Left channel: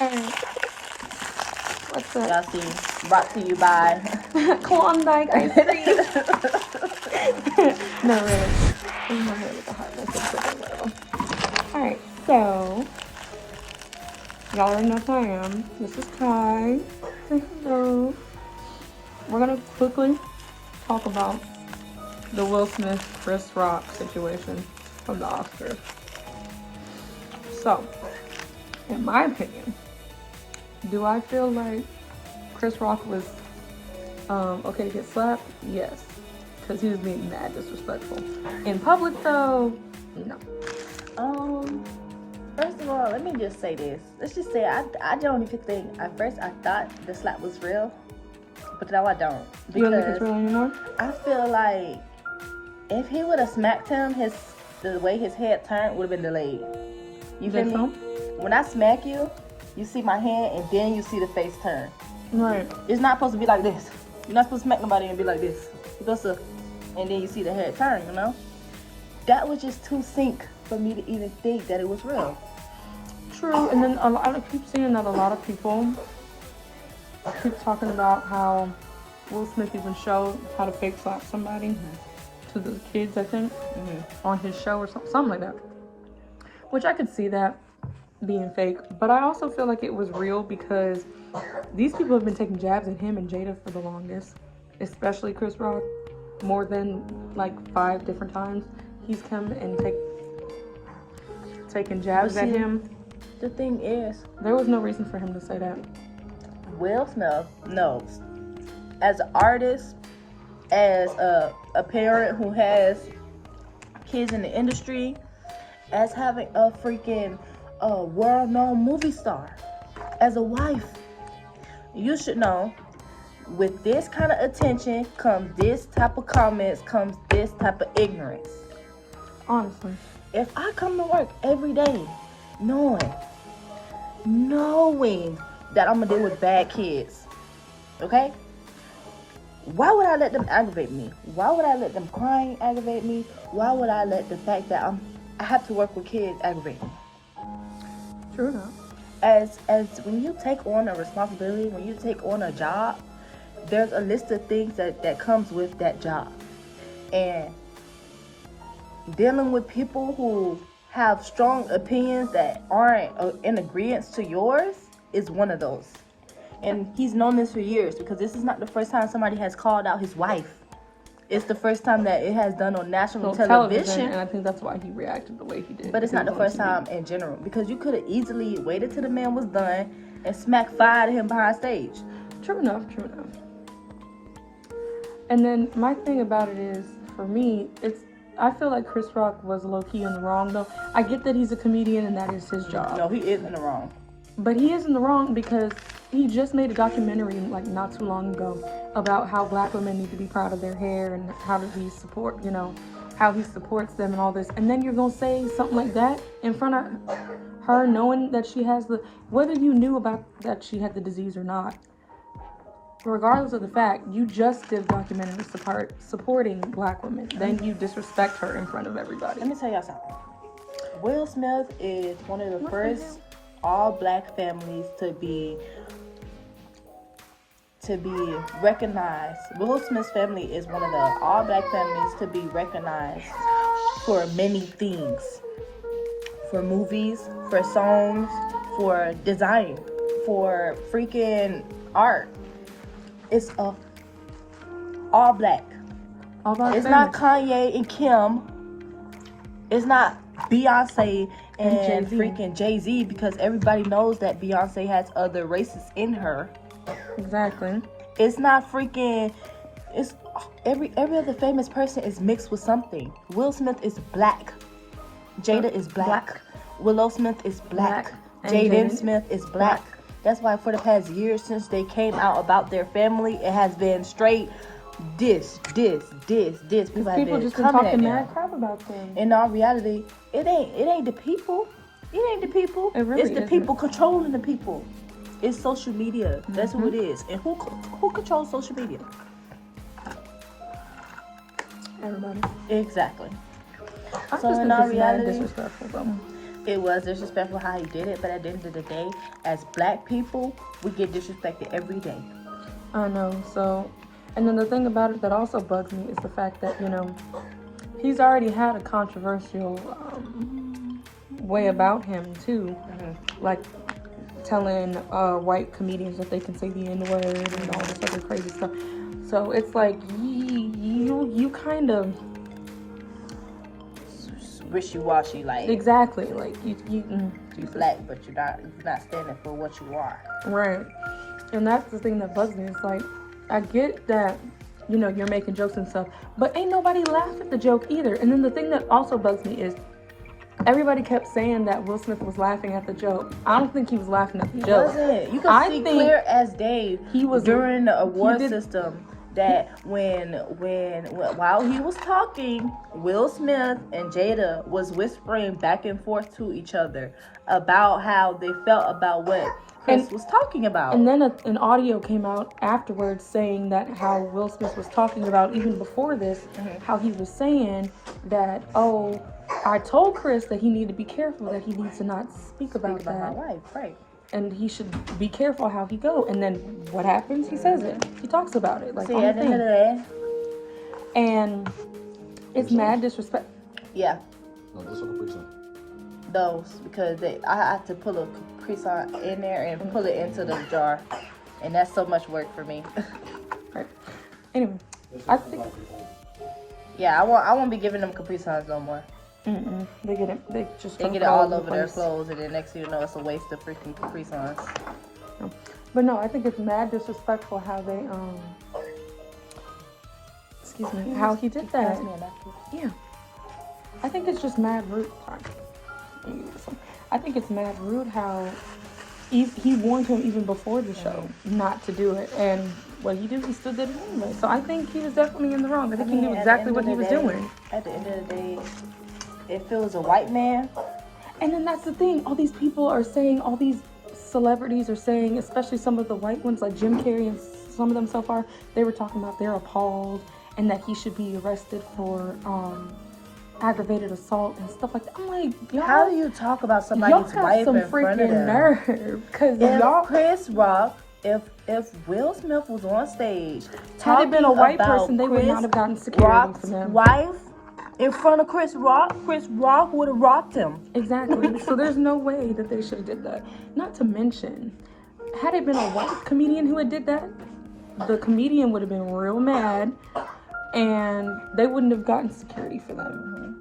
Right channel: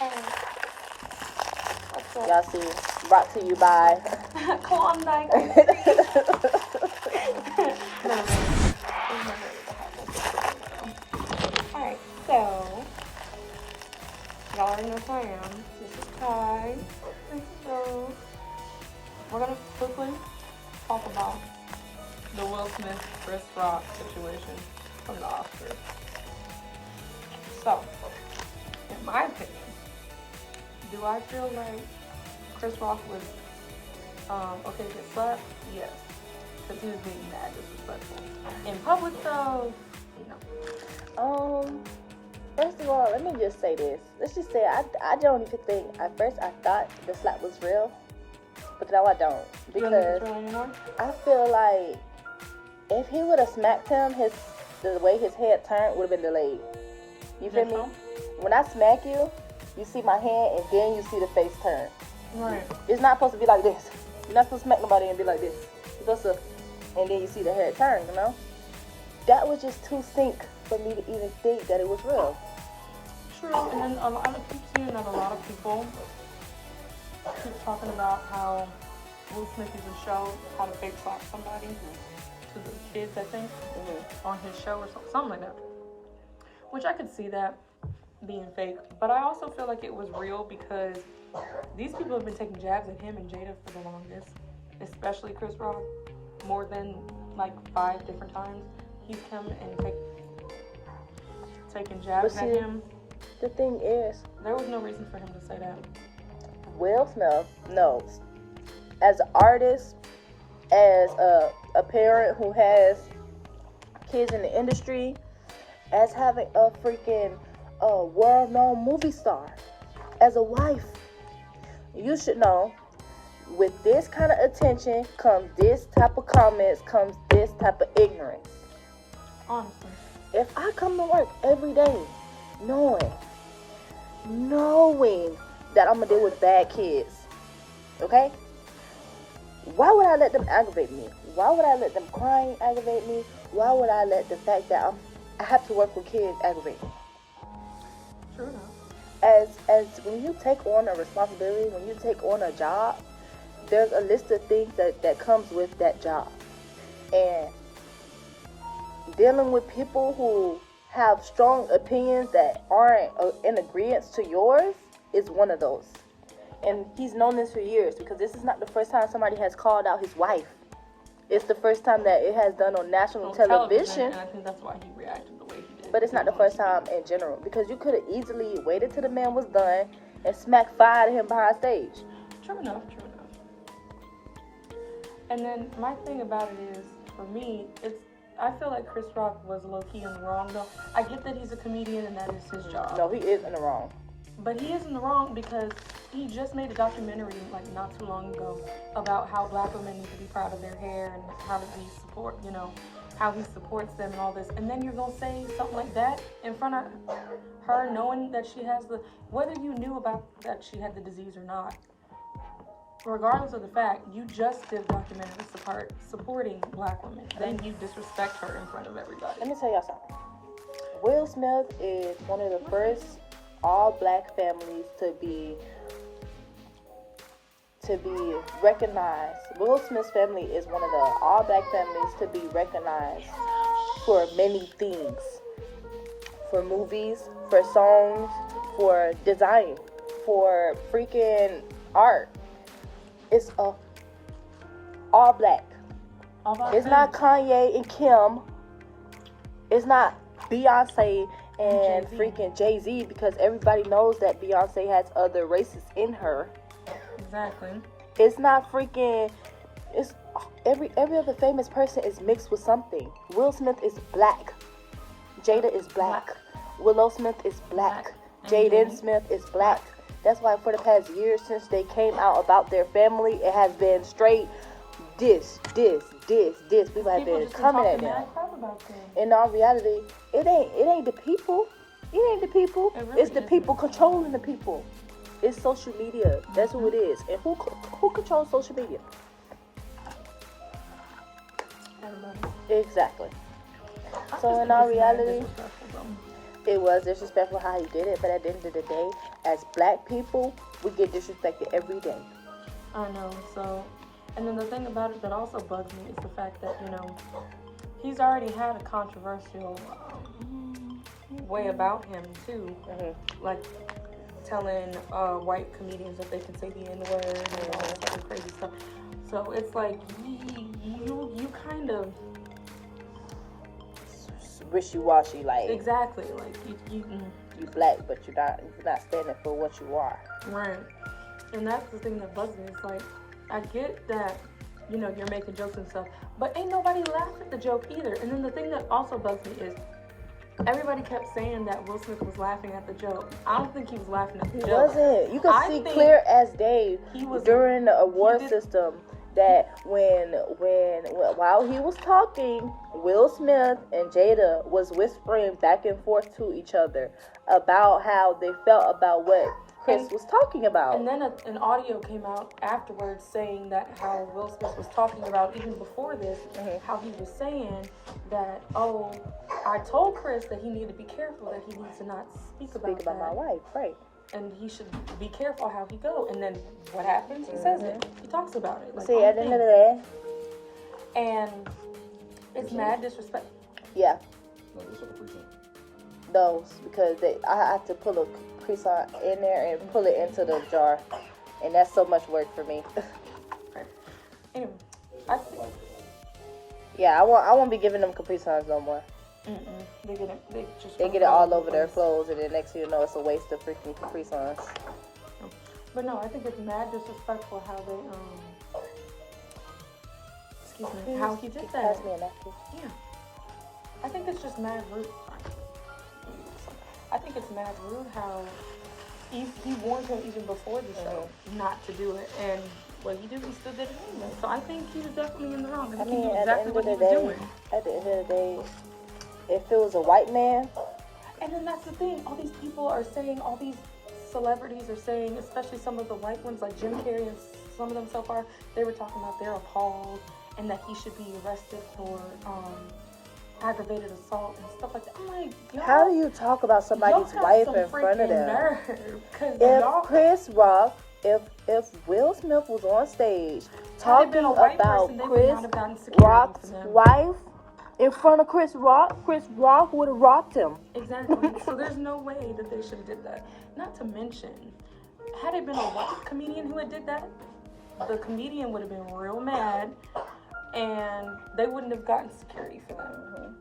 Alright. What's up? Y'all see, brought to you by Klondike ice cream. No, really. In my hair with the hot mess. Alright, so y'all already know who I am. This is Kai. Hello. We're gonna quickly talk about the Will Smith Chris Rock situation from the Oscars. So, in my opinion, do I feel like Chris Rock was okay to get slapped? Yes, because he was being mad disrespectful. In public, though, no. First of all, let me just say this. Let's just say I don't even think. At first, I thought the slap was real, but now I don't. You don't think it's real anymore? I feel like if he would have smacked him, the way his head turned would have been delayed. You feel me? So? When I smack you, you see my hand and then you see the face turn. Right. It's not supposed to be like this. You're not supposed to smack nobody and be like this. You're supposed to, and then you see the head turn, you know? That was just too sync for me to even think that it was real. True, and then I keep seeing that a lot of people keep talking about how Will Smith even showed how to fake slap somebody to the kids, I think, on his show or something like that. Which I could see that being fake, but I also feel like it was real because these people have been taking jabs at him and Jada for the longest, especially Chris Rock, more than like 5 different times. He's come and taken jabs at him. The thing is, there was no reason for him to say that. Will Smith knows, as an artist, as a parent who has kids in the industry, as having a freaking world-known movie star, as a wife, you should know, with this kind of attention comes this type of comments, comes this type of ignorance. Honestly. If I come to work every day knowing that I'm going to deal with bad kids, okay? Why would I let them aggravate me? Why would I let them crying aggravate me? Why would I let the fact that I have to work with kids aggravate me? True enough. As when you take on a responsibility, when you take on a job, there's a list of things that comes with that job. And dealing with people who have strong opinions that aren't in agreement to yours is one of those. And he's known this for years, because this is not the first time somebody has called out his wife. It's the first time that it has done on national television. And I think that's why he reacted the way he did. But it's not the first time in general, because you could have easily waited till the man was done and smacked fire at him behind stage. True enough. And then my thing about it is, for me, I feel like Chris Rock was low-key in the wrong, though. I get that he's a comedian and that is his job. No, he is in the wrong. But he is in the wrong because he just made a documentary like not too long ago about how black women need to be proud of their hair and how does he support, how he supports them and all this. And then you're going to say something like that in front of her, knowing that she has whether you knew about that she had the disease or not. Regardless of the fact, you just did a documentary supporting black women. Then you disrespect her in front of everybody. Let me tell y'all something. Will Smith is one of the first all-black families to be recognized. Will Smith's family is one of the all-black families to be recognized for many things. For movies, for songs, for design, for freaking art. It's all black. It's not Kanye and Kim. It's not Beyonce and freaking Jay-Z, because everybody knows that Beyonce has other races in her. Exactly. It's not freaking. It's every other famous person is mixed with something. Will Smith is black. Jada is black. Willow Smith is black. Jaden Smith is black. That's why for the past years since they came out about their family, it has been straight this. People have been just coming talking at mad crap about things. In all reality, it ain't the people. It ain't the people. It's the people controlling the people. It's social media. That's who it is. And who controls social media? Everybody. Exactly. I so just in think all it's reality, disrespectful, though. It was disrespectful how he did it, but at the end of the day, as black people, we get disrespected every day. I know. So, and then the thing about it that also bugs me is the fact that, you know, he's already had a controversial way about him too, like telling white comedians that they can say the N-word and all this other crazy stuff. So it's like you kind of Wishy-washy, like exactly like you black, but you're not standing for what you are. Right. And that's the thing that bugs me. It's like, I get that, you know, you're making jokes and stuff, but ain't nobody laughed at the joke either. And then the thing that also bugs me is everybody kept saying that Will Smith was laughing at the joke. I don't think he was laughing at the joke. Wasn't. You can see clear as day he was during the award system that while he was talking, Will Smith and Jada was whispering back and forth to each other about how they felt about what Chris was talking about. And then an audio came out afterwards saying that how Will Smith was talking about, even before this, how he was saying that, oh, I told Chris that he needed to be careful, that he needs to not speak about that. My wife, right. And he should be careful how he go. And then what happens? He says it. He talks about it. Like, see, at the end of the day. And it's mad disrespect. Yeah. Those, because I have to pull a croissant in there and pull it into the jar. And that's so much work for me. Right. Anyway, I think. Yeah, I won't be giving them Capri Suns no more. They get it all over their clothes, and then next thing you know, it's a waste of freaking Capri Suns. But no, I think it's mad disrespectful how they how he did that. Yeah, I think it's just mad rude. Sorry. I think it's mad rude how he warned him even before the show not to do it, and what he did, he still did it anyway. So I think he was definitely in the wrong. I think he knew exactly what he was doing. At the end of the day, if it was a white man. And then that's the thing. All these people are saying, all these celebrities are saying, especially some of the white ones like Jim Carrey and some of them so far, they were talking about they're appalled and that he should be arrested for aggravated assault and stuff like that. I'm like, y'all. How do you talk about somebody's wife in front of them? Nerve. Because y'all. Chris Rock, if Will Smith was on stage, had it been a white person, they would not have gotten security Rock's from them. Wife in front of Chris Rock would have rocked him. Exactly. So there's no way that they should have did that. Not to mention, had it been a white comedian who had did that, the comedian would have been real mad, and they wouldn't have gotten security for them.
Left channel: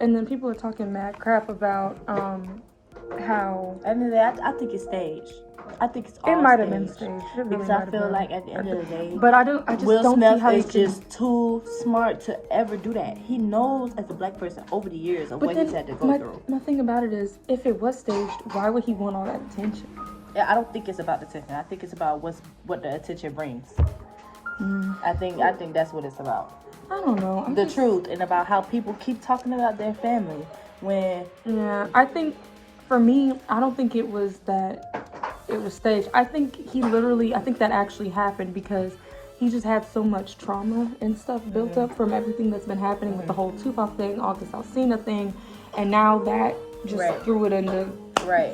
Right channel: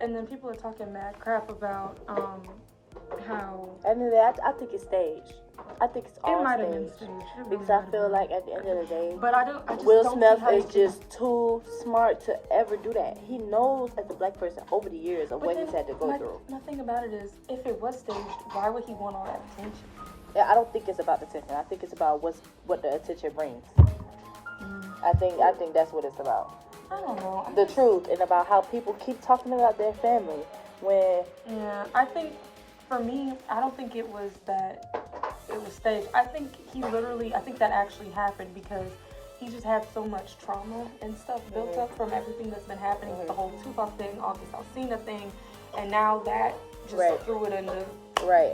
And then people are talking mad crap about how. And then I think it's staged. I think it's all It might have been staged. Because I feel like at the end of the day, but I just Will don't Smith see how is just too smart to ever do that. He knows as a black person over the years of what he's had to go through. My thing about it is, if it was staged, why would he want all that attention? Yeah, I don't think it's about the attention. I think it's about what the attention brings. I think that's what it's about. I don't know. The truth, and about how people keep talking about their family when. Yeah, I think for me, I don't think it was that. It was staged. I think that actually happened because he just had so much trauma and stuff built up from everything that's been happening with the whole Tupac thing, August Alsina thing, and now that just threw it into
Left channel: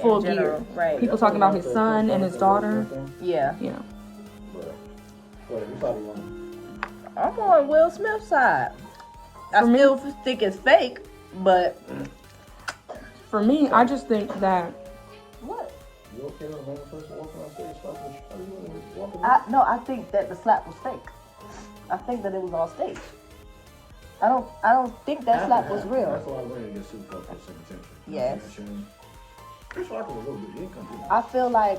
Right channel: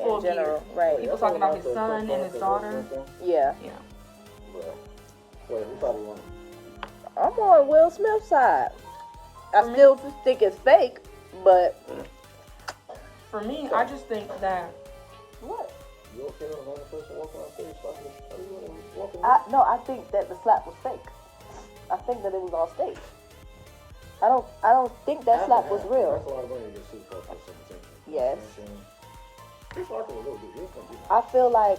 full gear. Right. People talking about his son and his daughter. Yeah. You know. I'm on Will Smith's side. I still think it's fake, but for me, I just think that. I think that the slap was fake. I think that it was all staged. I don't think that slap was real. Yes. I feel like.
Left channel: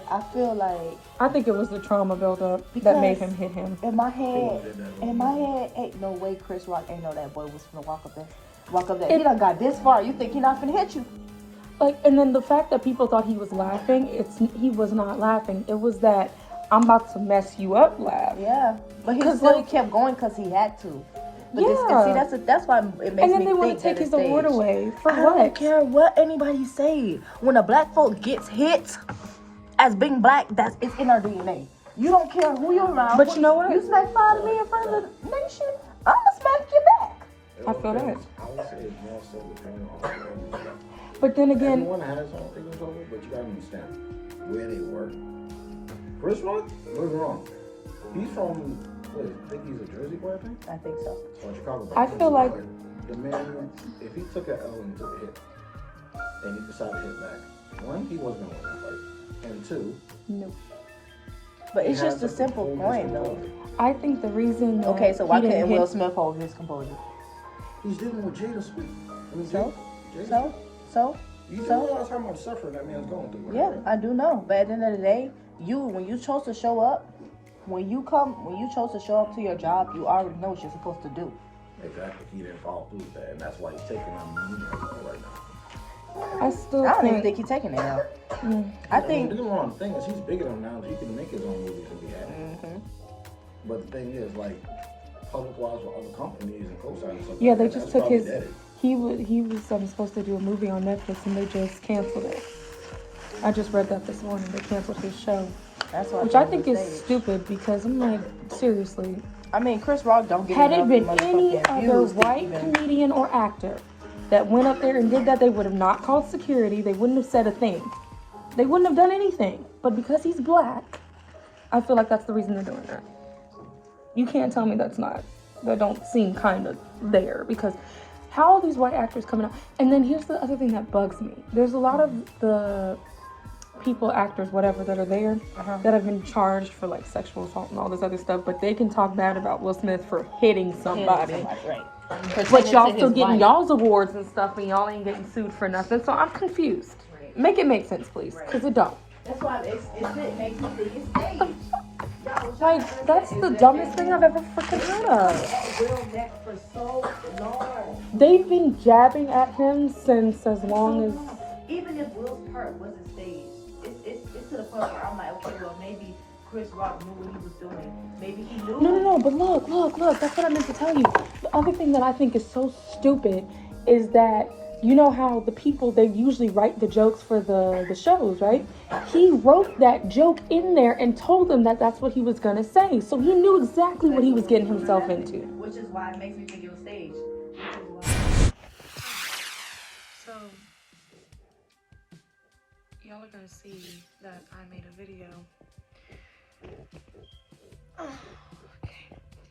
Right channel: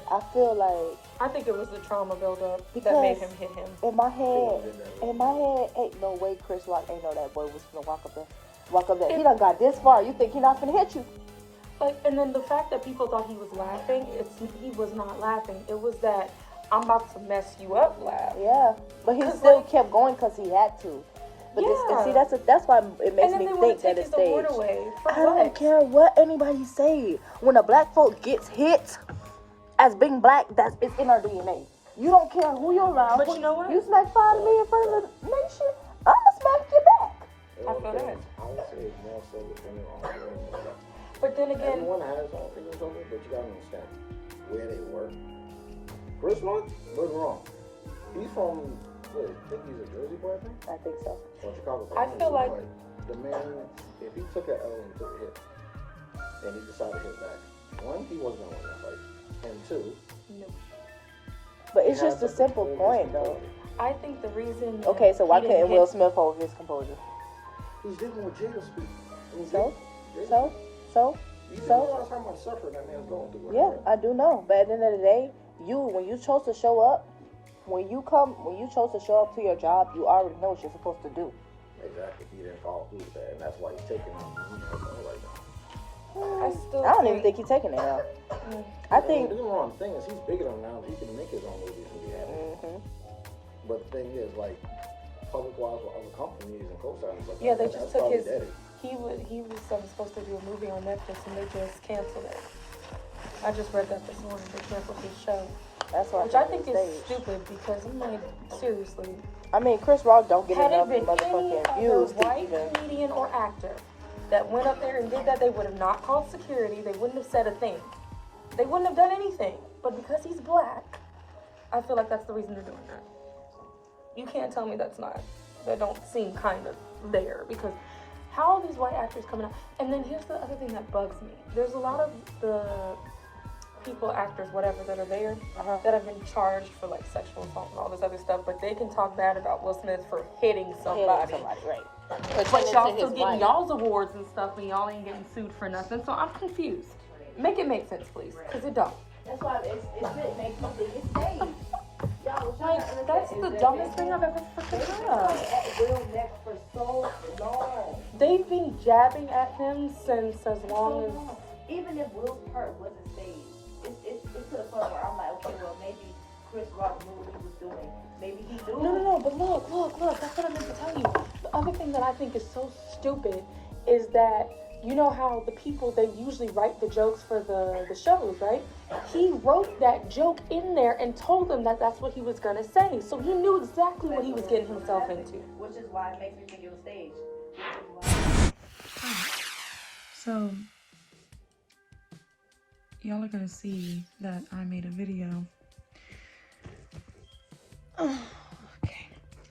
I think it was the trauma buildup that made him hit him. In my head, ain't no way Chris Rock ain't know that boy was gonna walk up there. He done got this far. You think he not finna hit you? Like, and then the fact that people thought he was laughing, he was not laughing. It was that I'm about to mess you up laugh. Yeah, but he still kept going because he had to. But see, that's why it makes me think. And then they want to take his award away for what? I don't care what anybody say. When a black folk gets hit as being black, it's in our DNA. You don't care who you're around. But you know what? You smack fun of me in front of the nation, I'ma smack you back. I feel that. But then again, everyone has something in common, but you gotta understand where they work. Chris Rock, don't get me wrong. He's from, what, I think he's a Jersey boy, I think? I think so. Or Chicago boy. I feel like the man, if he took an L and took a hit, and he decided to hit it back, one, he wasn't gonna win that fight. And two, no. But it's just a simple point, though. I think the reason. Okay, so why he couldn't didn't Will hit, Smith hold his composure? he's dealing with Jada Sweet. So? You do realize how much suffering that man's going through. Yeah, Right? I do know. But at the end of the day, when you chose to show up, when you chose to show up to your job, you already know what you're supposed to do. Exactly. He didn't follow through with that, and that's why he's taking on right now. I still I don't think. even think he's taking it out. I The think. wrong thing is he's big enough now that he can make his own movies and be happy. Mhm. But the thing is, like, public-wise with other companies and co-stars and stuff. Yeah, like they that, just that's took probably his. dead. He was supposed to do a movie on Netflix and they just canceled it. I just read that this morning. They canceled his show, That's why. which I think is stupid because I'm like, seriously. I mean, Chris Rock don't get. Had it enough been motherfucking any other views to white even- comedian or actor that went up there and did that, they would have not called security. They wouldn't have said a thing. They wouldn't have done anything. But because he's black, I feel like that's the reason they're doing that. You can't tell me that don't seem kind of there, because how are these white actors coming out? And then here's the other thing that bugs me. There's a lot of the people, actors, whatever, that are there that have been charged for like sexual assault and all this other stuff, but they can talk bad about Will Smith for hitting somebody. Right. But y'all still getting y'all's awards and stuff, and y'all ain't getting sued for nothing. So I'm confused. Make it make sense, please, because it don't. That's why it makes me think it's staged. Like, that's the dumbest thing I've ever freaking heard of. They've been jabbing at him since as long as. Even if Will's part wasn't staged, it's to the point where I'm like, okay, well, maybe Chris Rock knew what he was doing. Maybe he knew. No, but look. That's what I meant to tell you. The other thing that I think is so stupid is that, you know how the people, they usually write the jokes for the shows, right? He wrote that joke in there and told them that that's what he was going to say. So he knew exactly what he was getting himself into. Which is why it makes me think it was staged. So, y'all are going to see that I made a video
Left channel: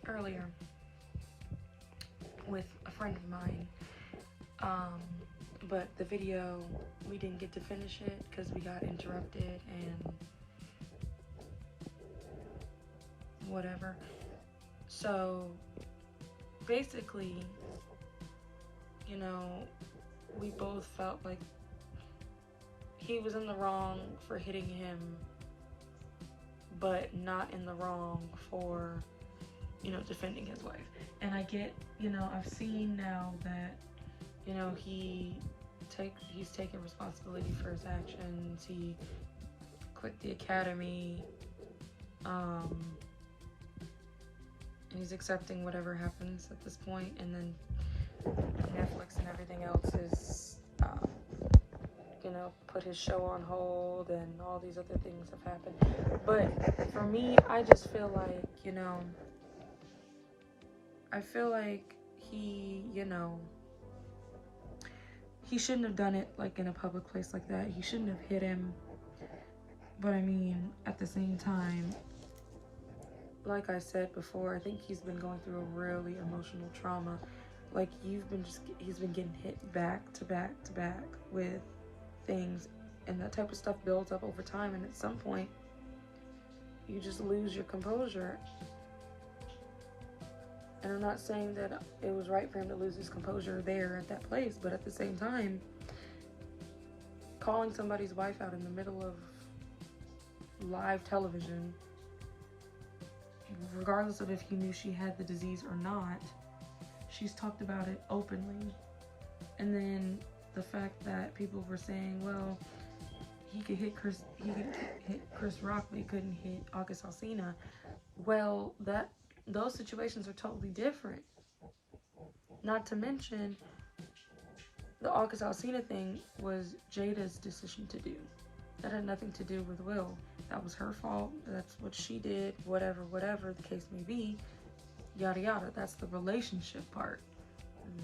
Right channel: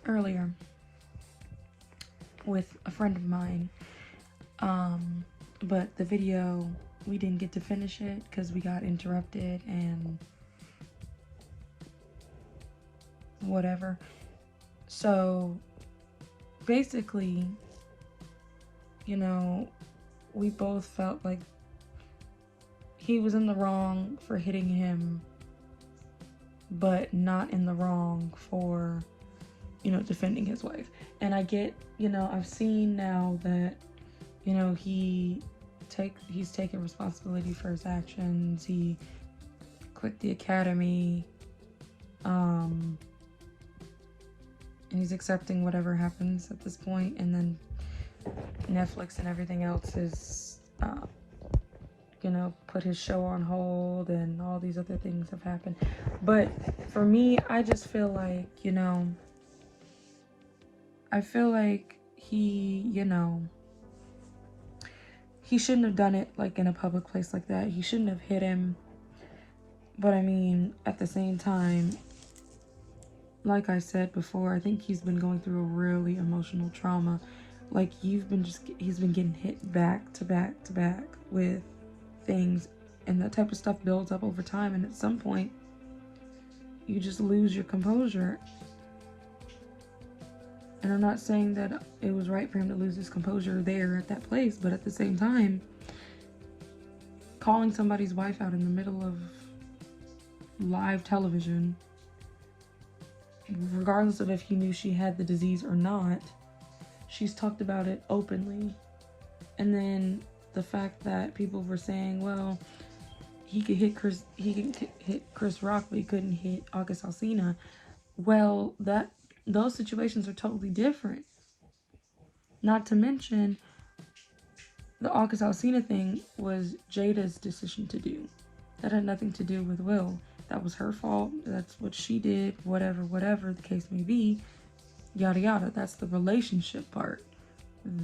earlier with a friend of mine. But the video, we didn't get to finish it because we got interrupted and whatever. So basically, you know, we both felt like he was in the wrong for hitting him, but not in the wrong for, you know, defending his wife. And I get, you know, I've seen now that, you know, he's taking responsibility for his actions. He quit the academy, and he's accepting whatever happens at this point. And then Netflix and everything else is, you know, put his show on hold, and all these other things have happened. But for me, I just feel like, you know, I feel like he, you know, he shouldn't have done it, like, in a public place like that. He shouldn't have hit him. But, I mean, at the same time, like I said before, I think he's been going through a really emotional trauma. Like, he's been getting hit back to back to back with things. And that type of stuff builds up over time. And at some point, you just lose your composure. And I'm not saying that it was right for him to lose his composure there at that place, but at the same time, calling somebody's wife out in the middle of live television, regardless of if he knew she had the disease or not, she's talked about it openly. And then the fact that people were saying, well, he could hit Chris Rock, but he couldn't hit August Alsina. Well, those situations are totally different. Not to mention, the August Alsina thing was Jada's decision to do. That had nothing to do with Will. That was her fault. That's what she did. Whatever the case may be. Yada yada. That's the relationship part.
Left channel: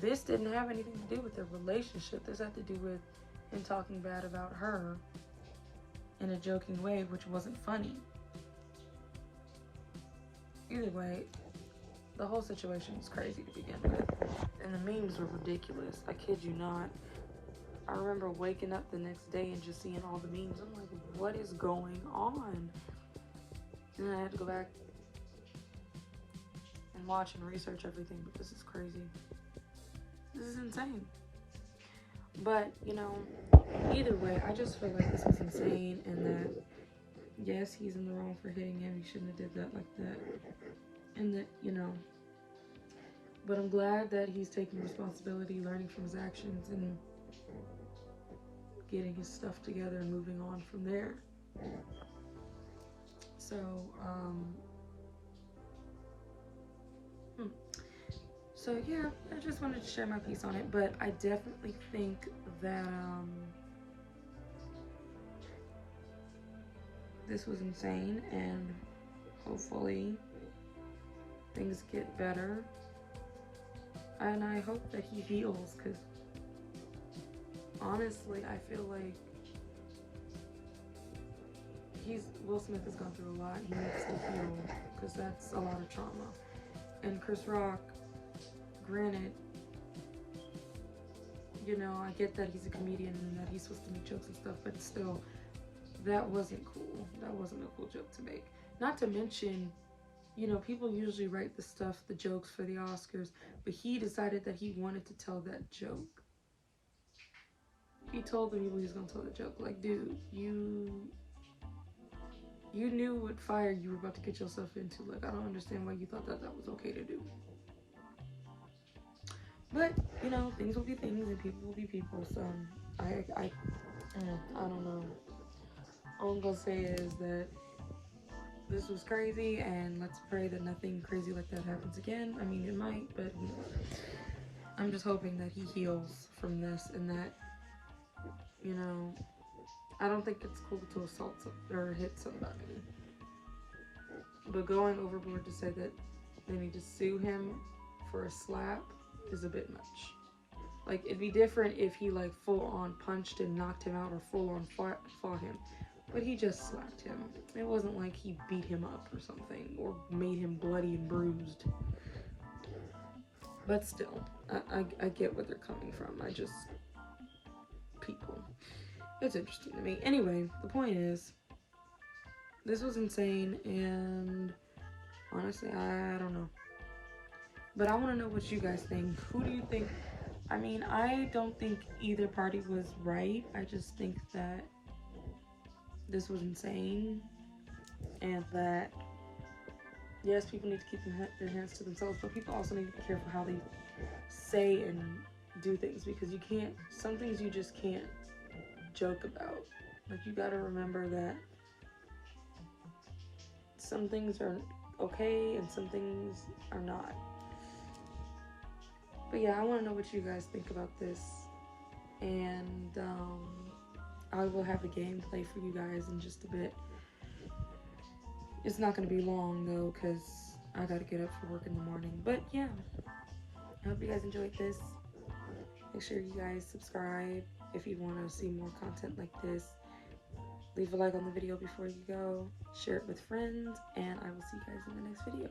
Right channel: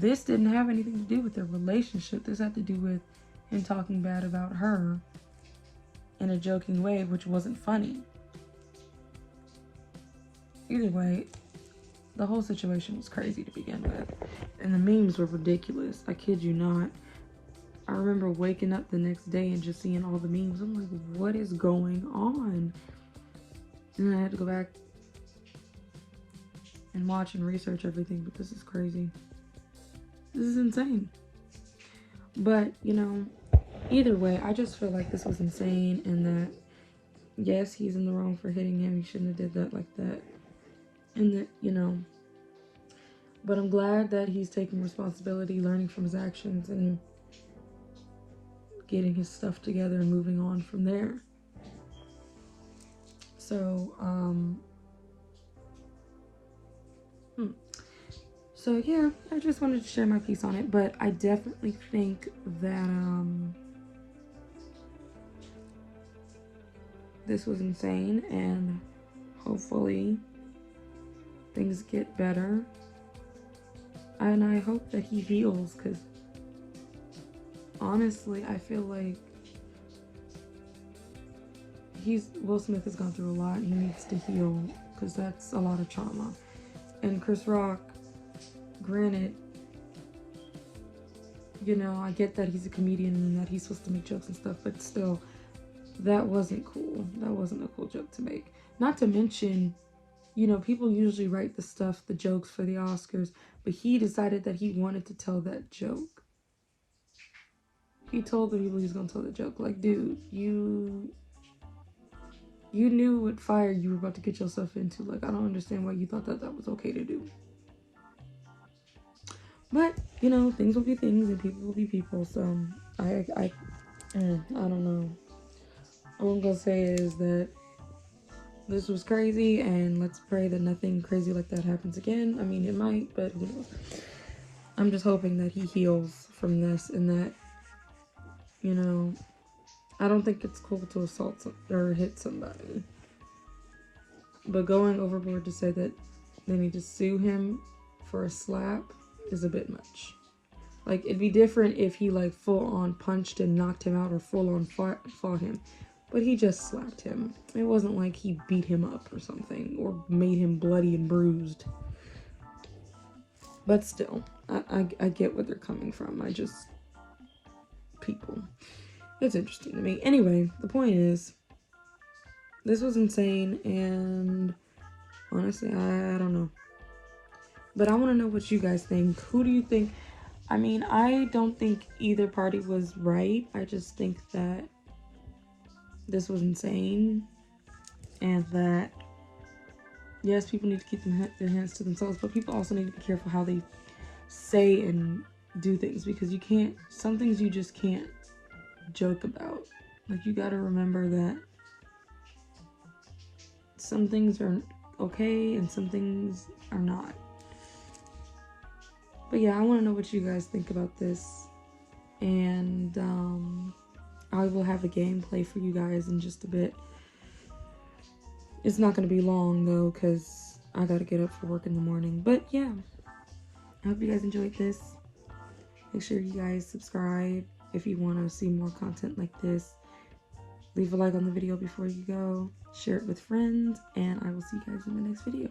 This didn't have anything to do with their relationship. This had to do with him talking bad about her in a joking way, which wasn't funny. Either way, the whole situation was crazy to begin with. And the memes were ridiculous. I kid you not. I remember waking up the next day and just seeing all the memes. I'm like, what is going on? And I had to go back and watch and research everything, but this is crazy. This is insane. But, you know, either way, I just feel like this was insane, and that, yes, he's in the wrong for hitting him. He shouldn't have did that like that. And that, you know, but I'm glad that he's taking responsibility, learning from his actions, and getting his stuff together and moving on from there. So, So yeah, I just wanted to share my piece on it, but I definitely think that this was insane, and hopefully things get better. And I hope that he heals, because honestly, I feel like Will Smith has gone through a lot. He needs to heal, because that's a lot of trauma. And Chris Rock, granted, you know, I get that he's a comedian and that he's supposed to make jokes and stuff, but still, that wasn't cool. That wasn't a cool joke to make. Not to mention, you know, people usually write the jokes for the Oscars, but he decided that he wanted to tell that joke. He told the people he was gonna tell the joke. Like, dude, you knew what fire you were about to get yourself into. Like, I don't understand why you thought that was okay to do. But, you know, things will be things and people will be people. So, I don't know. All I'm gonna say is that this was crazy, and let's pray that nothing crazy like that happens again. I mean, it might, but who knows? I'm just hoping that he heals from this, and that, you know, I don't think it's cool to assault or hit somebody. But going overboard to say that they need to sue him for a slap is a bit much. Like, it'd be different if he, like, full-on punched and knocked him out, or full-on fought him. But he just slapped him. It wasn't like he beat him up or something, or made him bloody and bruised. But still, I get where they're coming from. People. It's interesting to me. Anyway, the point is, this was insane, and honestly, I don't know. But I want to know what you guys think. Who do you think? I mean, I don't think either party was right. I just think that this was insane, and that, yes, people need to keep their hands to themselves, but people also need to be careful how they say and do things, because some things you just can't joke about. Like, you gotta remember that some things are okay and some things are not. But yeah, I want to know what you guys think about this, and I will have a gameplay for you guys in just a bit. It's not going to be long though, because I gotta get up for work in the morning. But yeah, I hope you guys enjoyed this. Make sure you guys subscribe if you want to see more content like this. Leave a like on the video before you go. Share it with friends, and I will see you guys in the next video.